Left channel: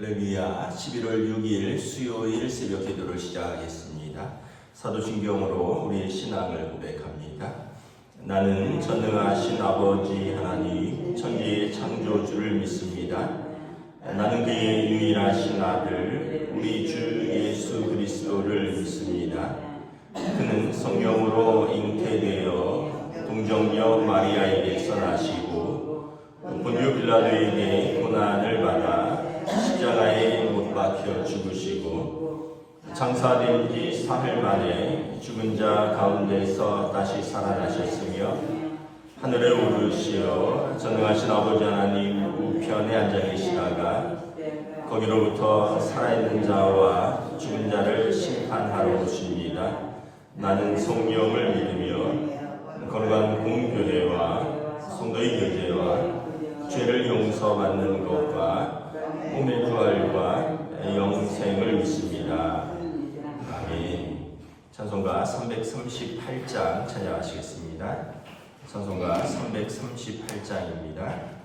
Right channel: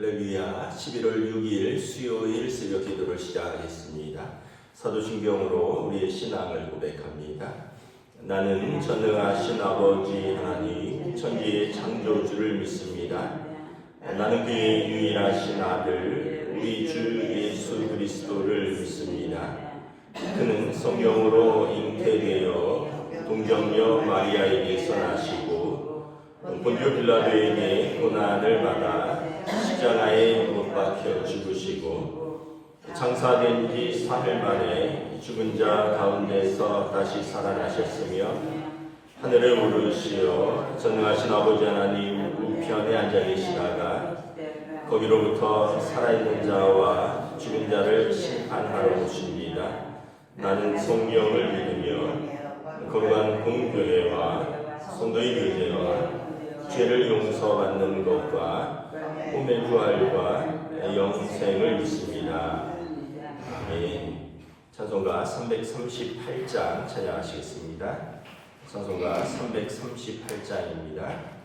할렐루야. 11월 6일 수요일 새벽 기도를 시작하겠습니다. 사도신경으로 우리의 신앙을 고백합니다. 나는 전능하신 아버지 하나님 천지의 창조주를 믿습니다. 나는 그의 유일하신 아들 우리 주 예수 그리스도를 믿습니다. 그는 성령으로 잉태되어 동정녀 마리아에게서 나시고 본디오 빌라도에게 고난을 받아 십자가에 못 박혀 죽으시고 장사된 지 사흘 만에 죽은 자 가운데서 다시 살아나셨으며 하늘에 오르시어 전능하신 아버지 하나님 우편에 앉아 계시다가 거기로부터 살아있는 자와 죽은 자를 심판하러 오십니다. 나는 성령을 믿으며 거룩한 공교회와 성도의 교제와 죄를 용서받는 것과 몸의 부활과 영생을 믿습니다. 아멘. 찬송가 338장 찬양하시겠습니다. 찬송가 338장입니다.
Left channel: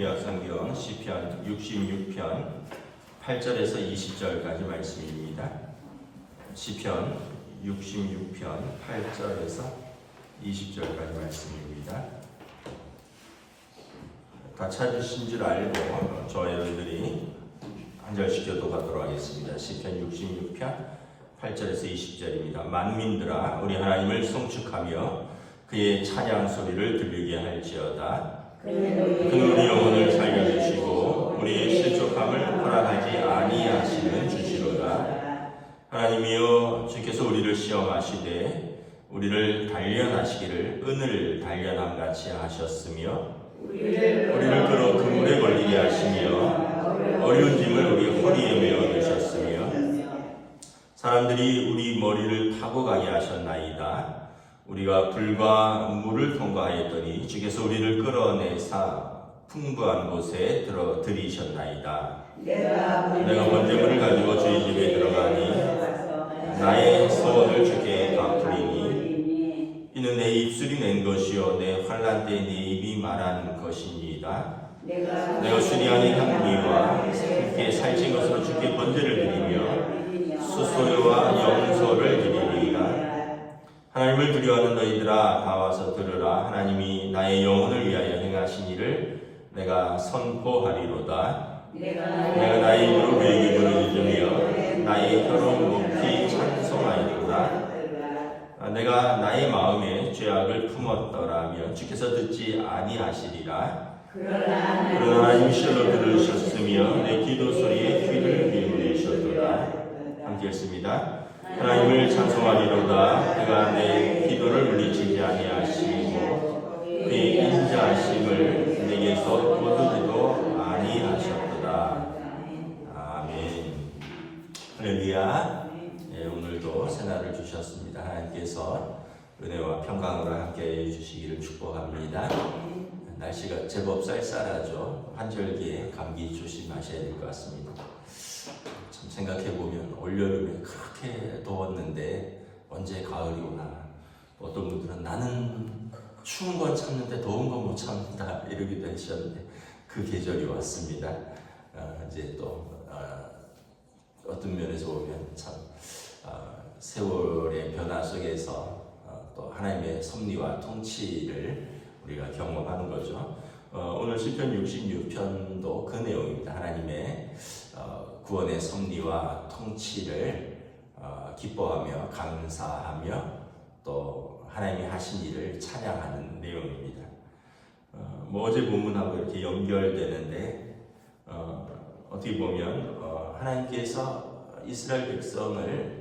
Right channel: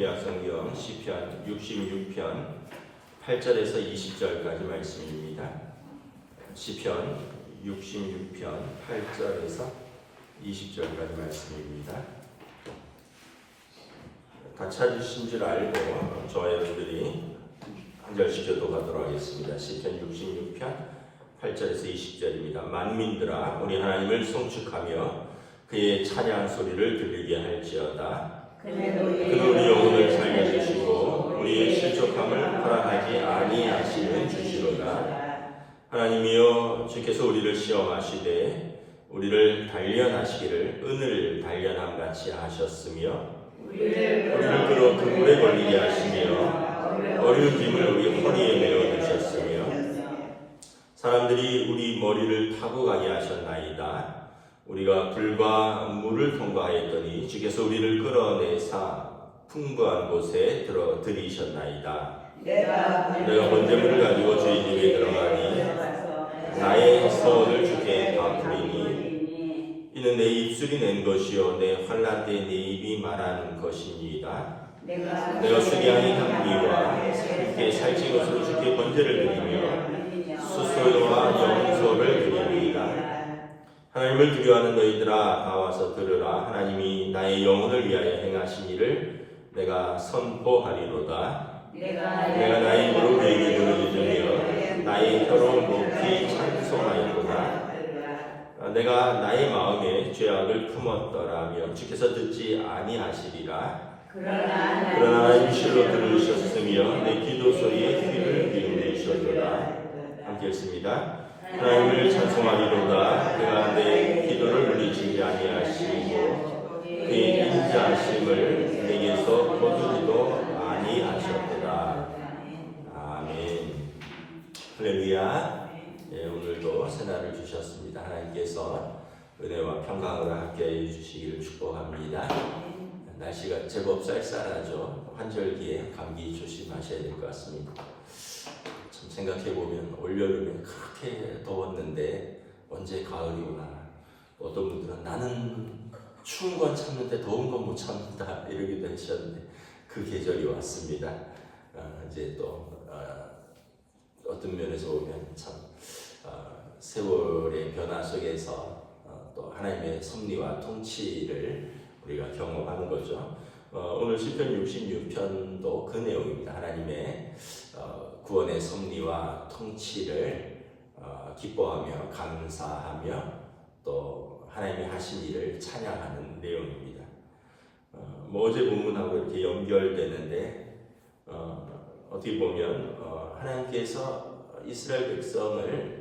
구약성경 시편 66편 8절에서 20절까지 말씀입니다. 시편 66편 8절에서 20절까지 말씀입니다. 다 찾으신 줄 알고 저와 여러분들이 한 절씩 교독하도록 하겠습니다. 시편 66편 8절에서 20절입니다. 만민들아 우리 하나님을 송축하며 그의 찬양 소리를 들리게 할지어다. 그는 우리 영혼을 살려주시고 우리의 실족함을 허락하지 아니하시는 주시로다. 하나님이여 주께서 우리를 시험하시되 우리를 단련하시기를 은을 단련함같이 하셨으며 우리를 끌어 그물에 걸리게 하시며 어려운 짐을 우리 허리에 메어 두셨으며 사람들이 우리 머리를 타고 가게 하셨나이다. 우리가 불과 물을 통과하였더니 주께서 우리를 끌어내사 풍부한 곳에 들이셨나이다. 내가 번제물을 가지고 주의 집에 들어가니 나의 소원을 주께 갚으리니 이는 내 입술이 낸 것이요 내 환난 때 내 입이 말하는 것이니이다. 내가 수리하는 향기와 함께 살찐 것으로 주께 번제를 드리며 수소와 영소를 드리리이다. 하나님을 두려워하는 너희들아 다 와서 들으라. 하나님이 나의 영혼을 위하여 행하신 일을 내가 선포하리로다. 내가 나의 입으로 그에게 부르짖으며 나의 혀로 높이 찬송하였도다. 내가 나의 마음에 죄악을 품었더라면 주께서 듣지 아니하시리라. 그러나 하나님이 실로 들으셨으며 내 기도 소리에 귀를 기울이셨도다. 함께 읽습니다. 하나님을 찬송하리로다. 그가 내 기도를 물리치지 아니하시고 그의 인자하심을 내게서 거두지도 아니하셨도다. 아멘. 할렐루야. 오늘도 새날을 주셨습니다. 하나님께서 은혜와 평강으로 함께해 주시기를 축복합니다. 날씨가 제법 쌀쌀하죠. 환절기에 감기 조심하셔야 될 것 같습니다. 참 생각해보면 올여름에 그렇게 더웠는데 언제 가을이 오나. 어떤 분들은 나는 추운 건 참는데 더운 건 못 참는다 이러기도 하셨는데 그 계절이 왔습니다. 이제 또 어떤 면에서 보면 참 세월의 변화 속에서 또 하나님의 섭리와 통치를 우리가 경험하는 거죠. 오늘 시편 66편도 그 내용입니다. 하나님의 구원의 섭리와 통치를 기뻐하며 감사하며 또 하나님이 하신 일을 찬양하는 내용입니다. 어제 본문하고 이렇게 연결되는데 어떻게 보면 하나님께서 이스라엘 백성을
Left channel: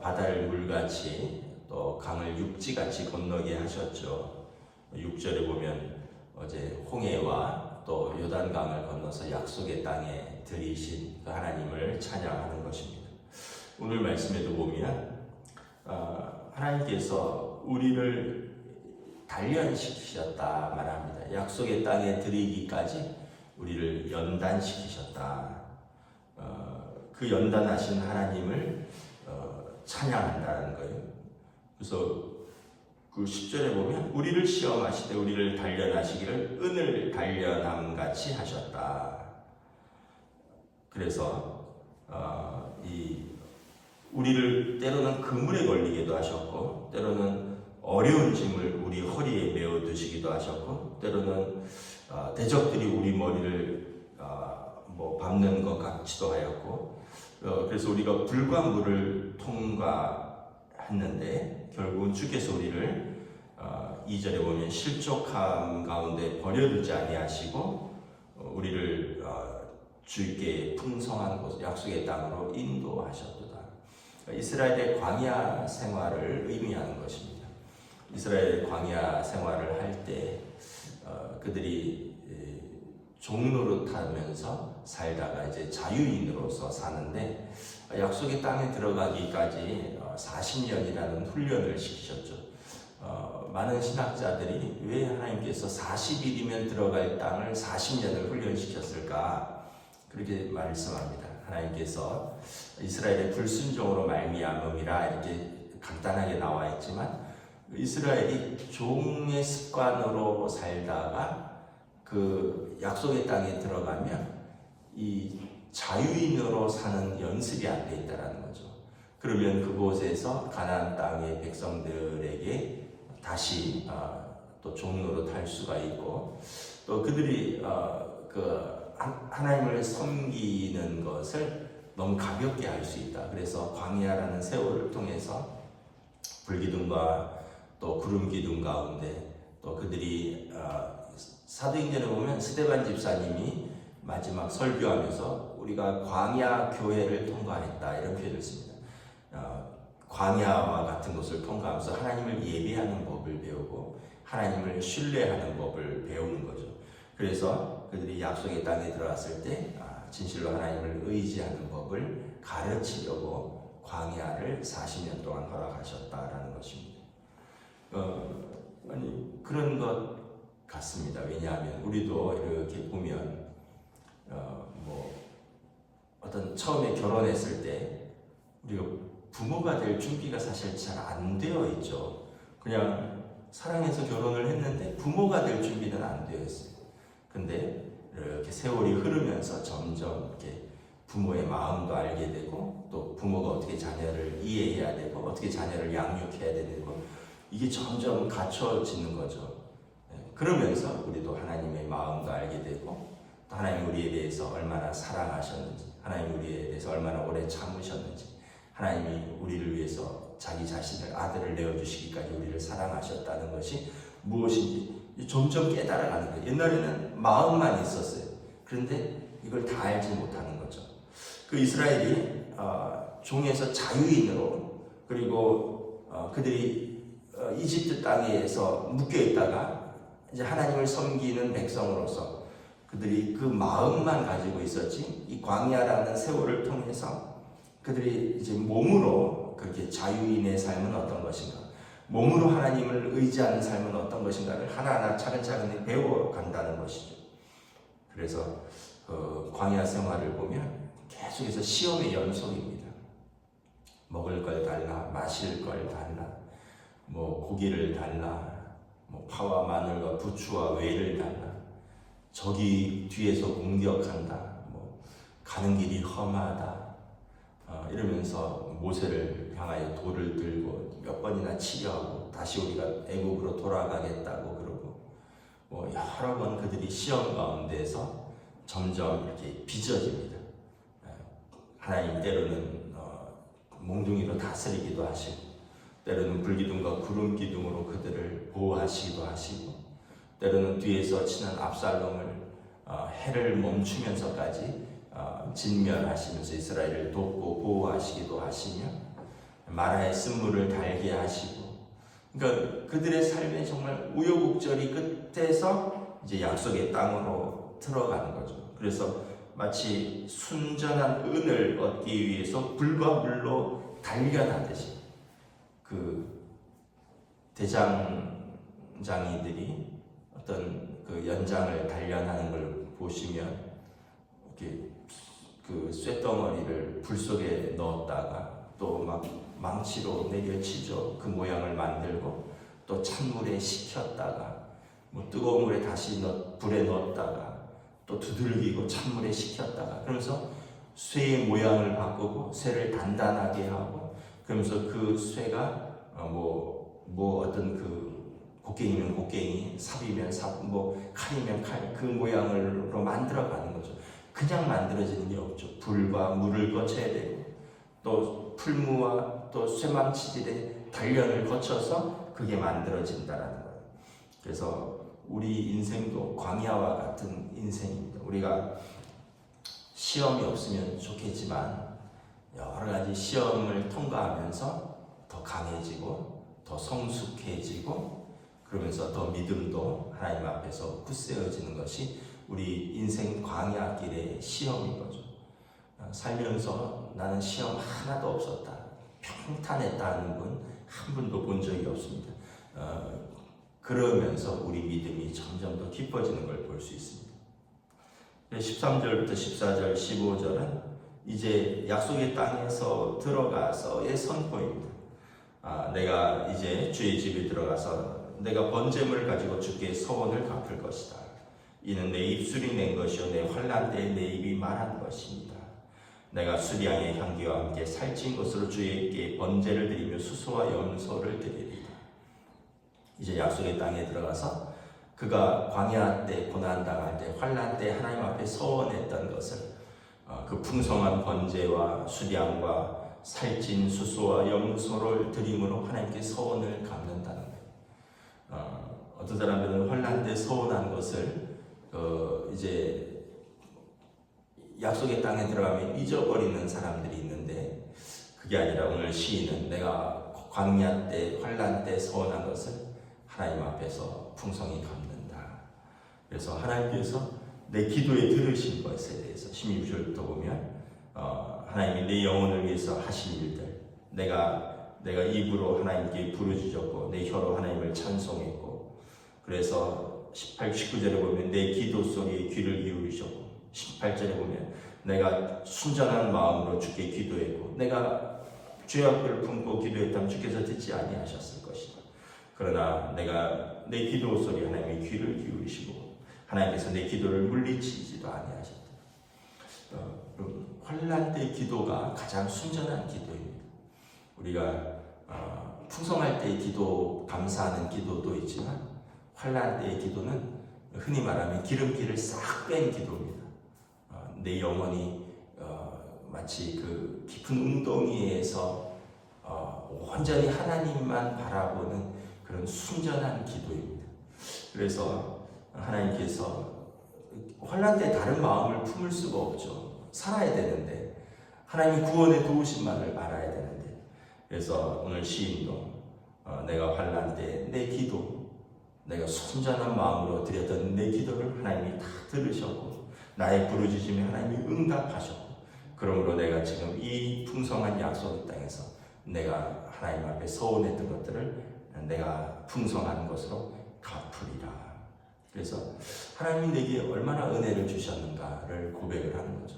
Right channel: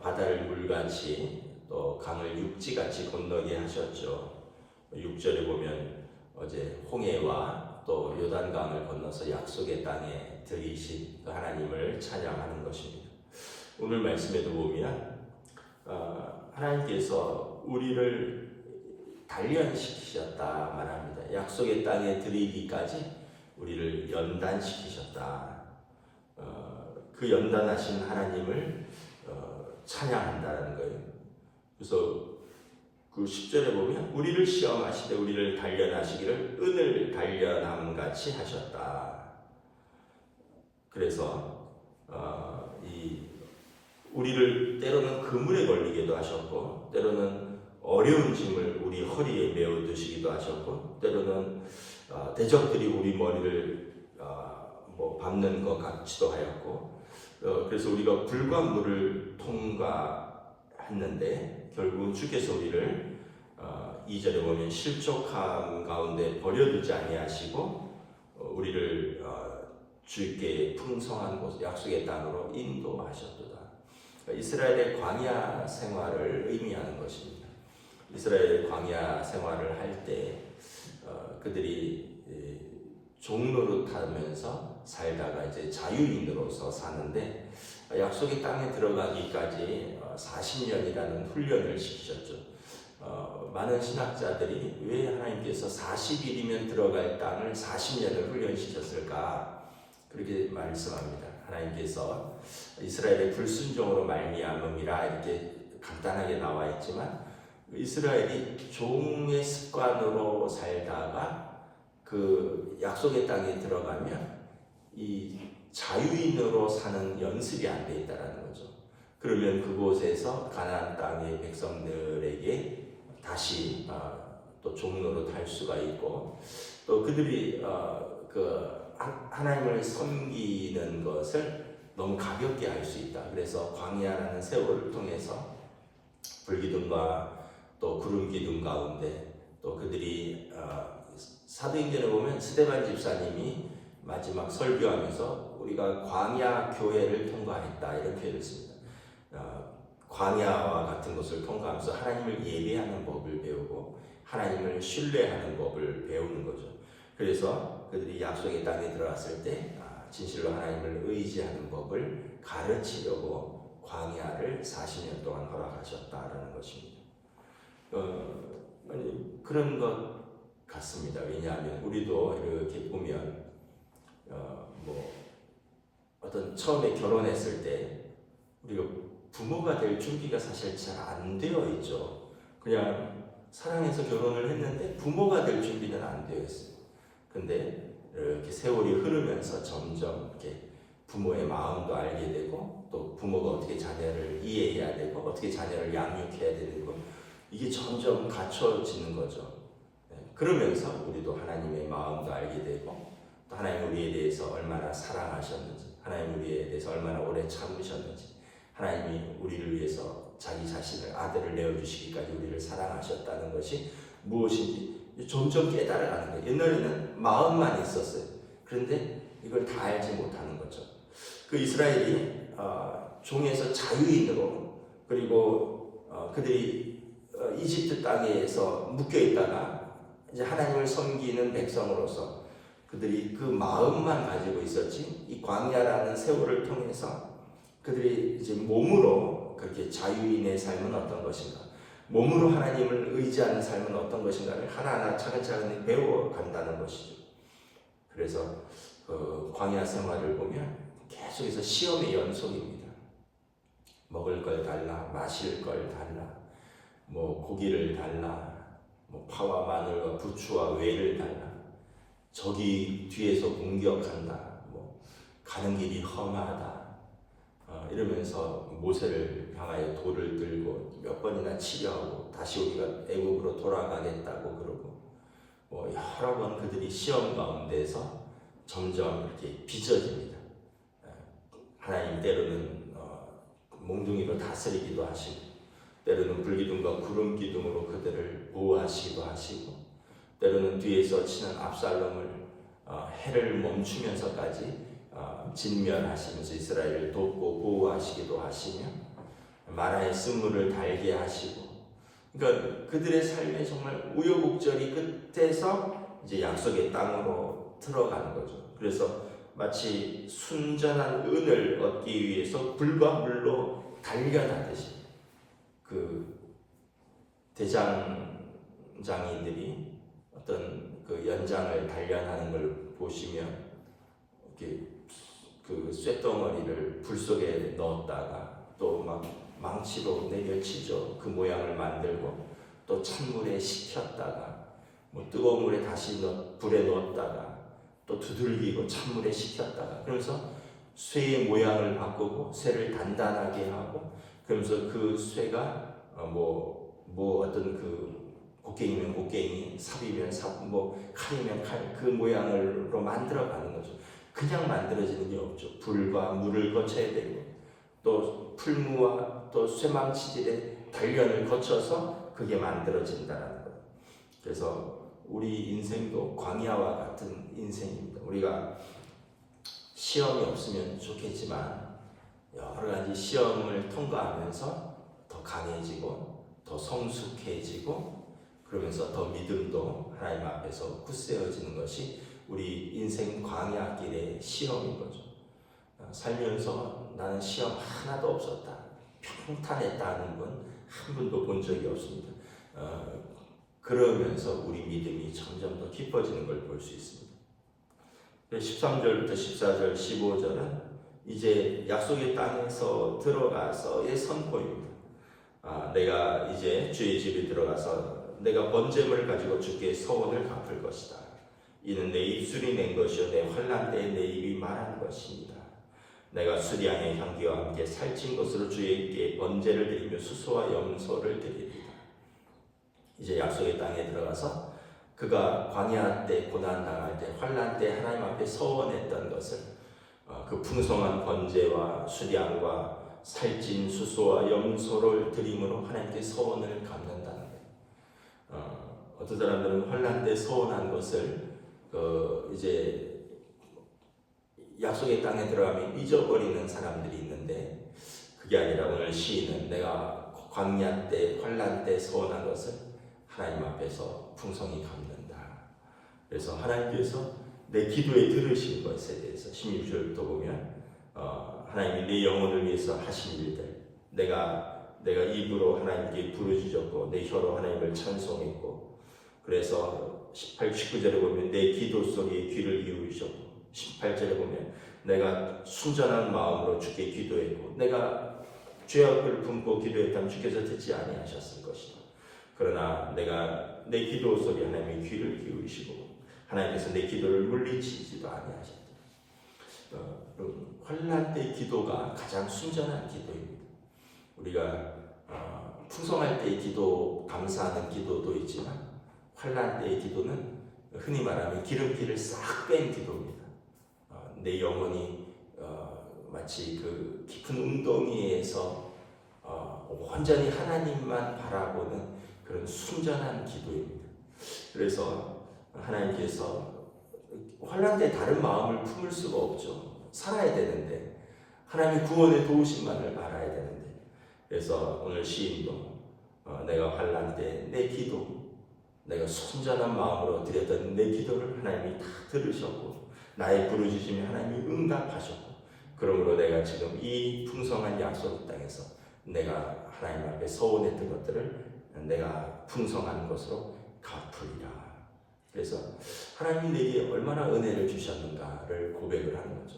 바다를 물같이 또 강을 육지같이 건너게 하셨죠. 6절에 보면 어제 홍해와 또 요단강을 건너서 약속의 땅에 들이신 그 하나님을 찬양하는 것입니다. 오늘 말씀에도 보면 하나님께서 우리를 단련시키셨다 말합니다. 약속의 땅에 들이기까지 우리를 연단시키셨다. 그 연단하신 하나님을 찬양한다는 거예요. 그래서 그 10절에 보면 우리를 시험하시되 우리를 단련하시기를 은을 단련함같이 하셨다. 그래서 우리를 때로는 그물에 걸리게도 하셨고 때로는 어려운 짐을 우리 허리에 메어 두시기도 하셨고 때로는 대적들이 우리 머리를 밟는 것 같기도 하였고 그래서 우리가 불과 물을 통과했는데 결국은 주께서 우리를 2절에 보면 실족함 가운데 버려두지 아니하시고 우리를 주께 풍성한 곳 약속의 땅으로 인도하셨도다. 이스라엘의 광야 생활을 의미하는 것입니다. 이스라엘 광야 생활을 할 때 그들이 종노릇하면서 살다가 이제 자유인으로서 사는데 약속의 땅에 들어가기까지 40년이라는 훈련을 시키셨죠. 많은 신학자들이 왜 하나님께서 40일이면 들어갈 땅을 40년을 훈련시켰을까 그렇게 말씀합니다. 하나님께서 이스라엘의 불순종으로 말미암음이라 이렇게 간단하게 나와 있지만 이스라엘이 종의 습관으로 살다가 그 약속의 땅에 들어가면 이 자유인으로 사는 연습이 안 돼 있다라는 거죠. 그러면 그곳에서 가나안 땅의 백성들에게 다시 또 종로로 탈 수가 있고, 또 그들이 하나님을 섬기는 것을 너무 가볍게 할 수 있다. 그래서 광야라는 세월을 통해서 불기둥과 또 구름기둥 가운데, 또 그들이 사도행전에 보면 스데반 집사님이 마지막 설교하면서 우리가 광야 교회를 통과했다 이런 표현을 씁니다. 광야와 같은 곳을 통과하면서 하나님을 예배하는 법을 배우고 하나님을 신뢰하는 법을 배우는 거죠. 그래서 그들이 약속의 땅에 들어갔을 때 진실로 하나님을 의지하는 법을 가르치려고 광야를 40년 동안 허락하셨다라는 것입니다. 그런 것 같습니다. 왜냐하면 우리도 이렇게 보면 어떤 처음에 결혼했을 때 우리가 부모가 될 준비가 사실 잘 안 되어 있죠. 그냥 사랑해서 결혼을 했는데 부모가 될 준비는 안 되어 있어요. 근데 이렇게 세월이 흐르면서 점점 이렇게 부모의 마음도 알게 되고, 또 부모가 어떻게 자녀를 이해해야 되고 어떻게 자녀를 양육해야 되고, 이게 점점 갖춰지는 거죠. 그러면서 우리도 하나님의 마음도 알게 되고, 또 하나님 우리에 대해서 얼마나 사랑하셨는지, 하나님 우리에 대해서 얼마나 오래 참으셨는지, 하나님이 우리를 위해서 자기 자신을 아들을 내어주시기까지 우리를 사랑하셨다는 것이 무엇인지 점점 깨달아가는 거예요. 옛날에는 마음만 있었어요. 그런데 이걸 다 알지 못하는 거죠. 그 이스라엘이 종에서 자유인으로, 그리고 그들이 이집트 땅에서 묶여 있다가 이제 하나님을 섬기는 백성으로서 그들이 그 마음만 가지고 있었지, 이 광야라는 세월을 통해서 그들이 이제 몸으로 그렇게 자유인의 삶은 어떤 것인가, 몸으로 하나님을 의지하는 삶은 어떤 것인가를 하나하나 차근차근 배워간다는 것이죠. 그래서 광야 생활을 보면 계속해서 시험의 연속입니다. 먹을 걸 달라, 마실 걸 달라, 고기를 달라, 파와 마늘과 부추와 외를 달라, 적이 뒤에서 공격한다, 가는 길이 험하다, 이러면서 모세를 향하여 돌을 들고 몇 번이나 치려하고 다시 우리가 애국으로 돌아가겠다고 그러고, 여러 번 그들이 시험 가운데서 점점 이렇게 빚어집니다. 하나님 때로는 몽둥이로 다스리기도 하시고, 때로는 불기둥과 구름기둥으로 그들을 보호하시기도 하시고, 때로는 뒤에서 치는 압살롬을 해를 멈추면서까지 진멸하시면서 이스라엘을 돕고 보호하시기도 하시며, 마라의 쓴물을 달게 하시고, 그러니까 그들의 삶에 정말 우여곡절이 끝에서 이제 약속의 땅으로 들어가는 거죠. 그래서 마치 순전한 은을 얻기 위해서 불과 물로 단련하듯이 그 대장장이들이 어떤 그 연장을 단련하는 걸 보시면 이렇게 그 쇳덩어리를 불 속에 넣었다가 또 막 망치로 내려치죠. 그 모양을 만들고, 또 찬물에 식혔다가 뜨거운 물에 다시 불에 넣었다가 또 두들기고 찬물에 식혔다가, 그러면서 쇠의 모양을 바꾸고 쇠를 단단하게 하고, 그러면서 그 쇠가 어떤 그 곡괭이면 곡괭이, 삽이면 삽, 칼이면 칼, 그 모양으로 만들어가는 거죠. 그냥 만들어지는 게 없죠. 불과 물을 거쳐야 되고, 또 풀무와 또 쇠망치질의 단련을 거쳐서 그게 만들어진다는 거예요. 그래서 우리 인생도 광야와 같은 인생입니다. 우리가 시험이 없으면 좋겠지만 여러 가지 시험을 통과하면서 더 강해지고 더 성숙해지고, 그러면서 더 믿음도 하나님 앞에서 굳세어지는 것이 우리 인생 광야길의 시험인 거죠. 살면서 나는 시험 하나도 없었다, 평탄했다는 분 한 분도 본 적이 없습니다. 그러면서 우리 믿음이 점점 더 깊어지는 걸 볼 수 있습니다. 13절부터 14절, 15절은 이제 약속의 땅에서 들어가서의 선포입니다. 내가 이제 주의 집에 들어가서 내가 번제물을 가지고 주께 서원을 갚을 것이다. 이는 내 입술이 낸 것이요 내 환난 때에 내 입이 말한 것입니다. 내가 수량의 향기와 함께 살찐 것으로 주에게 번제를 드리며 수소와 염소를 드리리라. 이제 약속의 땅에 들어가서 그가 광야 때 고난 당할 때 환난 때 하나님 앞에 서원했던 것을 그 풍성한 번제와 수량과 살찐 수소와 염소를 드림으로 하나님께 서원을 갚는다는 거예요. 어떤 사람들은 환난 때 서원한 것을 이제 약속의 땅에 들어가면 잊어버리는 사람들이 있는데, 그게 아니라 오늘 시인은 내가 광야 때 환난 때 서원한 것을 하나님 앞에서 풍성히 갚는다. 그래서 하나님께서 내 기도에 들으신 것에 대해서 16절부터 보면 하나님이 내 영혼을 위해서 하신 일들, 내가 입으로 하나님께 부르짖었고 내 혀로 하나님을 찬송했고, 그래서 18, 19절에 보면 내 기도 소리에 귀를 기울이셨고, 18절에 보면 내가 순전한 마음으로 주께 기도했고 내가 죄 앞을 품고 기도했다면 주께서 듣지 아니하셨을 것이다. 그러나 내가 내 기도 소리 하나님의 귀를 기울이시고 하나님께서 내 기도를 물리치지도 아니하셨다. 환난 때 기도가 가장 순전한 기도입니다. 우리가 풍성할 때의 기도, 감사하는 기도도 있지만 환난 때의 기도는 흔히 말하면 기름기를 싹 뺀 기도입니다. 내 영혼이 마치 그 깊은 웅덩이에서 온전히 하나님만 바라보는 그런 순전한 기도입니다. 그래서 하나님께서 환난 때 다른 마음을 품을 수가 없죠. 살아야 되는데, 하나님의 구원의 도우심만을 알아야 되는데, 그래서 오늘 시인도 내가 환난 때 내 기도, 내가 순전한 마음으로 드렸던 내 기도를 하나님이 다 들으셨고 나의 부르짖음에 하나님이 응답하셨고, 그러므로 내가 지금 이 풍성한 약속의 땅에서 내가 하나님 앞에 서원했던 것들을 내가 풍성한 것으로 갚으리라. 그래서 하나님이 내게 얼마나 은혜를 주셨는가를 고백을 하는 거죠.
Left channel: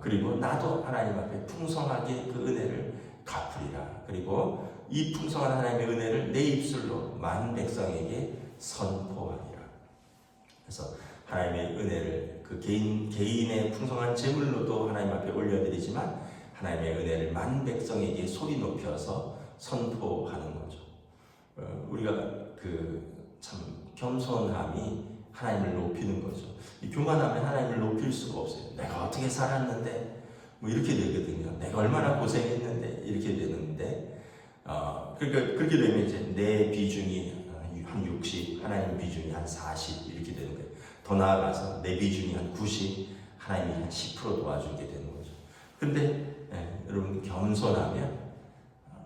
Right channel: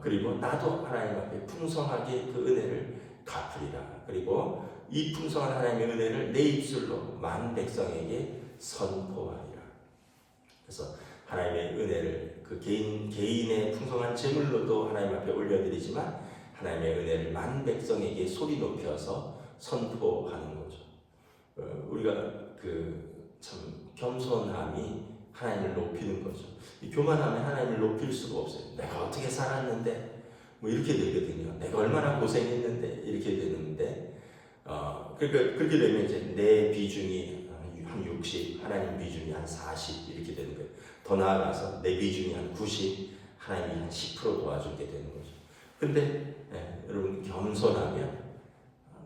그리고 나도 하나님 앞에 풍성하게 그 은혜를 갚으리라. 그리고 이 풍성한 하나님의 은혜를 내 입술로 많은 백성에게 선포하리라. 그래서 하나님의 은혜를 그 개인의 풍성한 제물로도 하나님 앞에 올려드리지만 하나님의 은혜를 많은 백성에게 소리 높여서 선포하는 거죠. 우리가 참 겸손함이 하나님을 높이는 거죠. 이 교만하면 하나님을 높일 수가 없어요. 내가 어떻게 살았는데 뭐 이렇게 되거든요. 내가 얼마나 고생했는데 이렇게 되는데, 그러니까 그렇게 되면 이제 내 비중이 한 60, 하나님 비중이 한 40 이렇게 되는 거예요. 더 나아가서 내 비중이 한 90, 하나님이 한 10% 도와주게 되는 거죠. 근데 여러분 겸손하면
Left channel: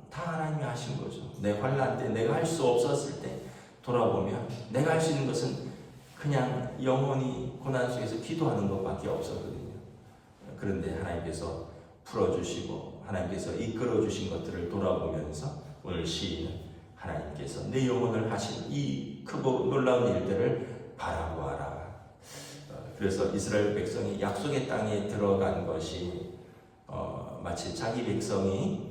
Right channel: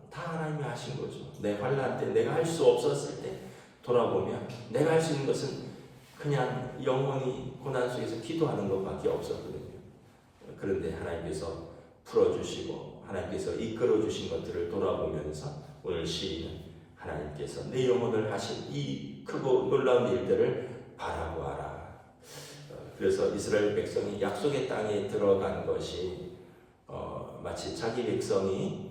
다 하나님이 하신 거죠. 내 환난 때 내가 할 수 없었을 때 돌아보면 내가 할 수 있는 것은 그냥 영원히 고난 속에서 기도하는 것밖에 없었거든요. 그런데 하나님께서 풀어주시고 하나님께서 이끌어주신 것들을 돌아보면서 오늘 시인은 하나님께서 내 영혼을 하신 이 크고 놀라운 일들을 바라보아라. 그래서 이스라엘 백성이 약속의 땅에 들어간 것이 마치 자기 백성이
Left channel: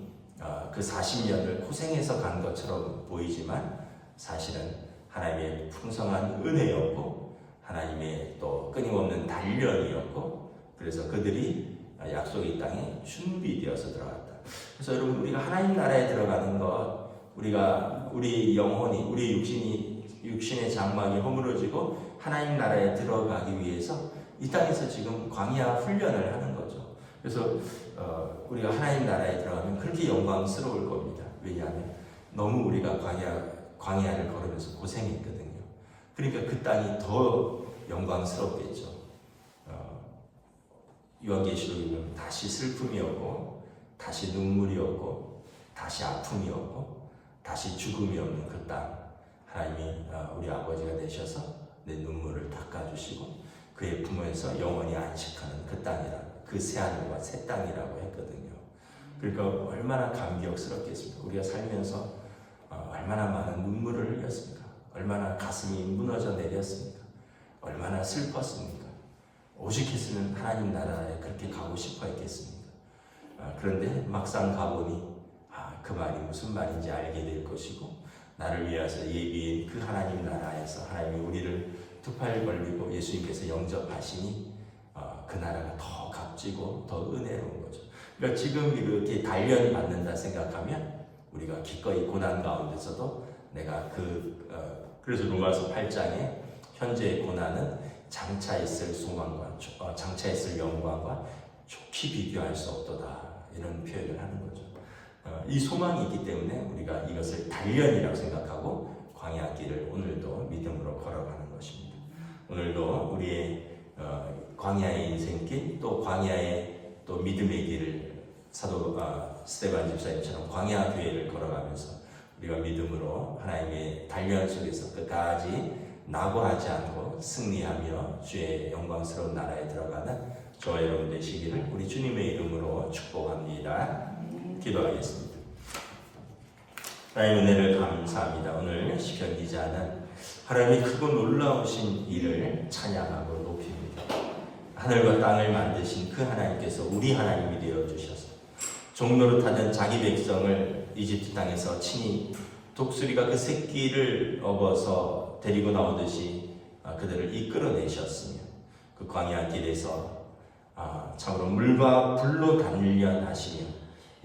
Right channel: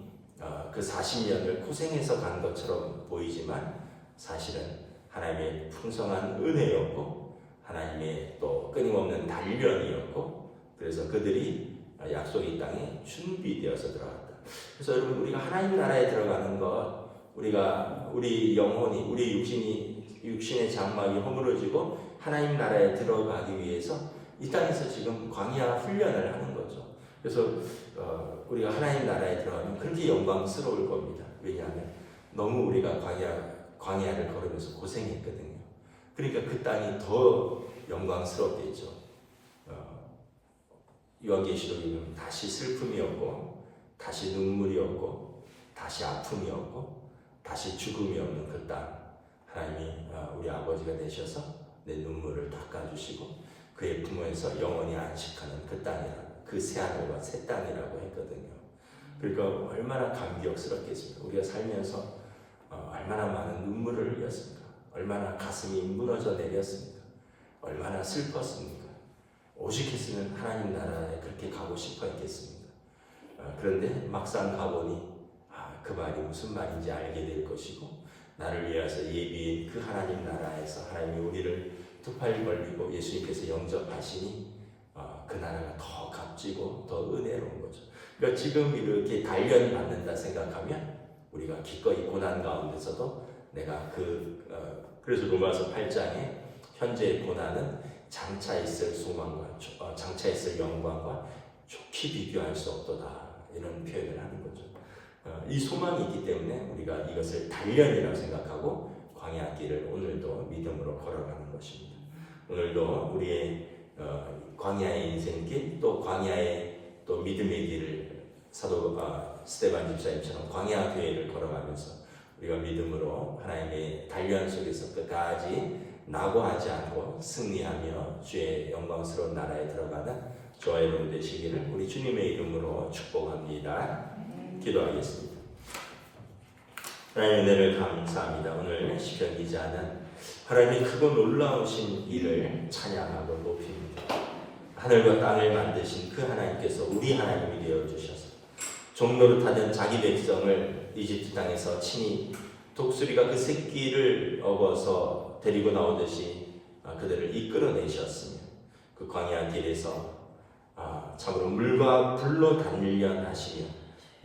그 40년을 고생해서 간 것처럼 보이지만 사실은 하나님의 풍성한 은혜였고 하나님의 또 끊임없는 단련이었고, 그래서 그들이 약속의 땅에 준비되어서 들어갔다. 그래서 여러분, 우리가 하나님 나라에 들어가는 것, 우리 영혼이, 우리 육신의 장막이 허물어지고 하나님 나라에 들어가기 위해서 이 땅에서 지금 광야 훈련을 하는 거죠. 그래서 우리가 하나님 나라에 들어가면 그렇게 영광스러울 겁니다. 왜냐하면 너무 우리가 광야를 걸으면서 고생했거든요. 그러니까 그 땅이 더 영광스럽겠죠. 요한계시록에 보면 다시 슬픔이었고 다시 눈물이었고 다시 아픔이었고 다시 죽음이 없는 그 땅, 하나님이 우리 아버지가 되셔서 내 눈물을 닦아주시고 그의 품에서 영원히 안식하는 그 땅이라, 그 새하늘과 새 땅이라고 했거든요. 그러니까 얼마나 감격스럽겠습니까? 우리가 살면서 얼마나 많은 눈물을 흘렸습니까? 얼마나 가슴이 무너져 내렸습니까? 얼마나 슬펐습니까? 오직했으면 하나님 나라에 그렇게 가고 싶어 했겠습니까? 그런데 막상 가보니 그 말이 무슨 말인지 알게 될 것이고, 나를 위해서 예비인 그 하나님 나라에서 하나님이 우리를 두 팔 벌리고 예수님께서 영접하시니 그 나라가 더 값지고 더 은혜로운 거죠. 그러니까 지금 이렇게 단련 받는다 생각하면 우리가 기꺼이 고난 가운데서도 내가 그래서 로마서 8장에 현재의 고난은 장차 있을 소망과 장차 있을 영광과 좋게 비교할 수 없도다, 이런 표현을 하는 거죠. 이 소망이 있기 때문에 우리가 이것을 단련이라고 생각하고 광야 길을 오늘도 믿음으로 걸어가는 것입니다. 오늘도 우리의 광야의 인생길, 또 광야의 또 믿음의 길을 사도 스데반 집사님처럼 광야 교회를 걸어가면서 우리가 믿음으로 하나님의 단련 속에서 끝까지 낙오하지 않고 승리하며 주의 영광스러운 나라에 들어가는 저와 여러분 되시기를 우리 주님의 이름으로 축복합니다. 기도하겠습니다. 하나님의 은혜를 감사합니다. 오늘 시편 기자는 하나님의 크고 놀라우신 일을 찬양하고 높입니다. 하늘과 땅을 만드신 그 하나님께서 우리 하나님이 되어주셔서 종노릇하던 자기 백성을 이집트 땅에서 친히 독수리가 그 새끼를 업어서 데리고 나오듯이 그들을 이끌어내셨으며 그 광야 길에서 참으로 물과 불로 단련하시며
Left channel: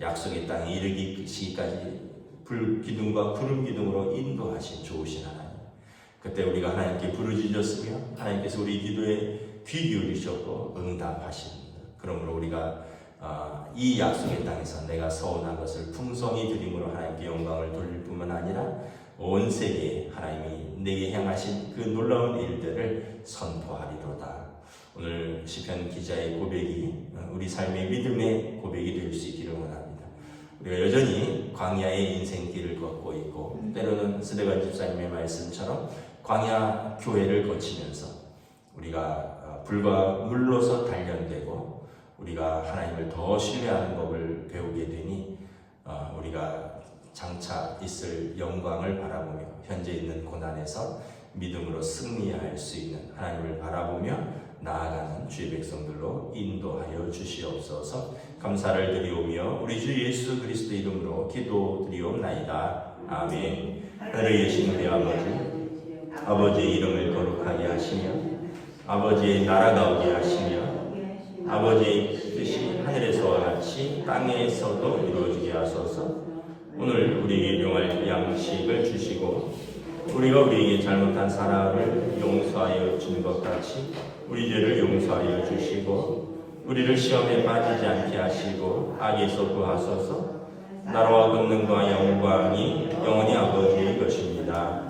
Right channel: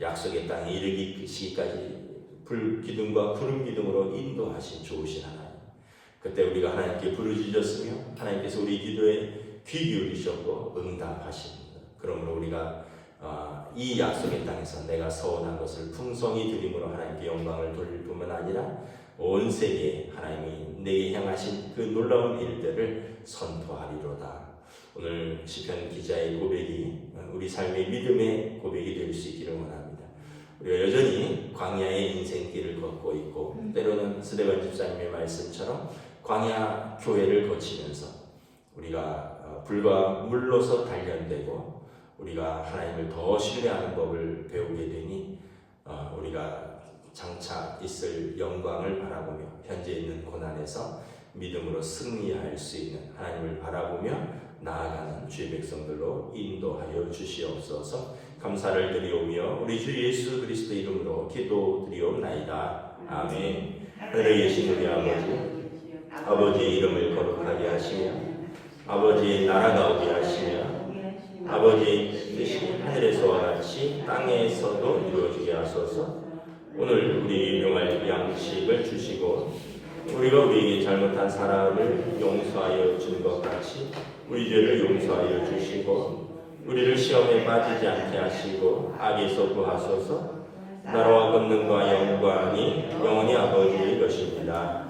약속의 땅에 이르기까지 불기둥과 구름기둥으로 인도하신 좋으신 하나님, 그때 우리가 하나님께 부르짖었으며 하나님께서 우리 기도에 귀 기울이셨고 응답하십니다. 그러므로 우리가 이 약속의 땅에서 내가 서원한 것을 풍성히 드림으로 하나님께 영광을 돌릴 뿐만 아니라 온 세계에 하나님이 내게 행하신 그 놀라운 일들을 선포하리로다. 오늘 시편 기자의 고백이 우리 삶의 믿음의 고백이 될 수 있기를 원합니다. 우리가 여전히 광야의 인생길을 걷고 있고 때로는 스데반 집사님의 말씀처럼 광야 교회를 거치면서 우리가 불과 물로서 단련되고 우리가 하나님을 더 신뢰하는 법을 배우게 되니 우리가 장차 있을 영광을 바라보며 현재 있는 고난에서 믿음으로 승리할 수 있는 하나님을 바라보며 나아가는 주의 백성들로 인도하여 주시옵소서. 감사를 드리오며 우리 주 예수 그리스도 이름으로 기도드리옵나이다. 아멘. 하늘에 계신 우리 아버지의 이름을 거룩하게 하시며 아버지의 나라가 오게 하시며 아버지의 뜻이 하늘에서와 같이 땅에서도 이루어지게 하소서. 오늘 우리 일용할 양식을 주시고 우리가 우리에게 잘못한 사람을 용서하여 준 것 같이 우리 죄를 용서하여 주시고 우리를 시험에 빠지지 않게 하시고 악에서 구하소서. 나라와 권능과 영광이 영원히 아버지의 것입니다.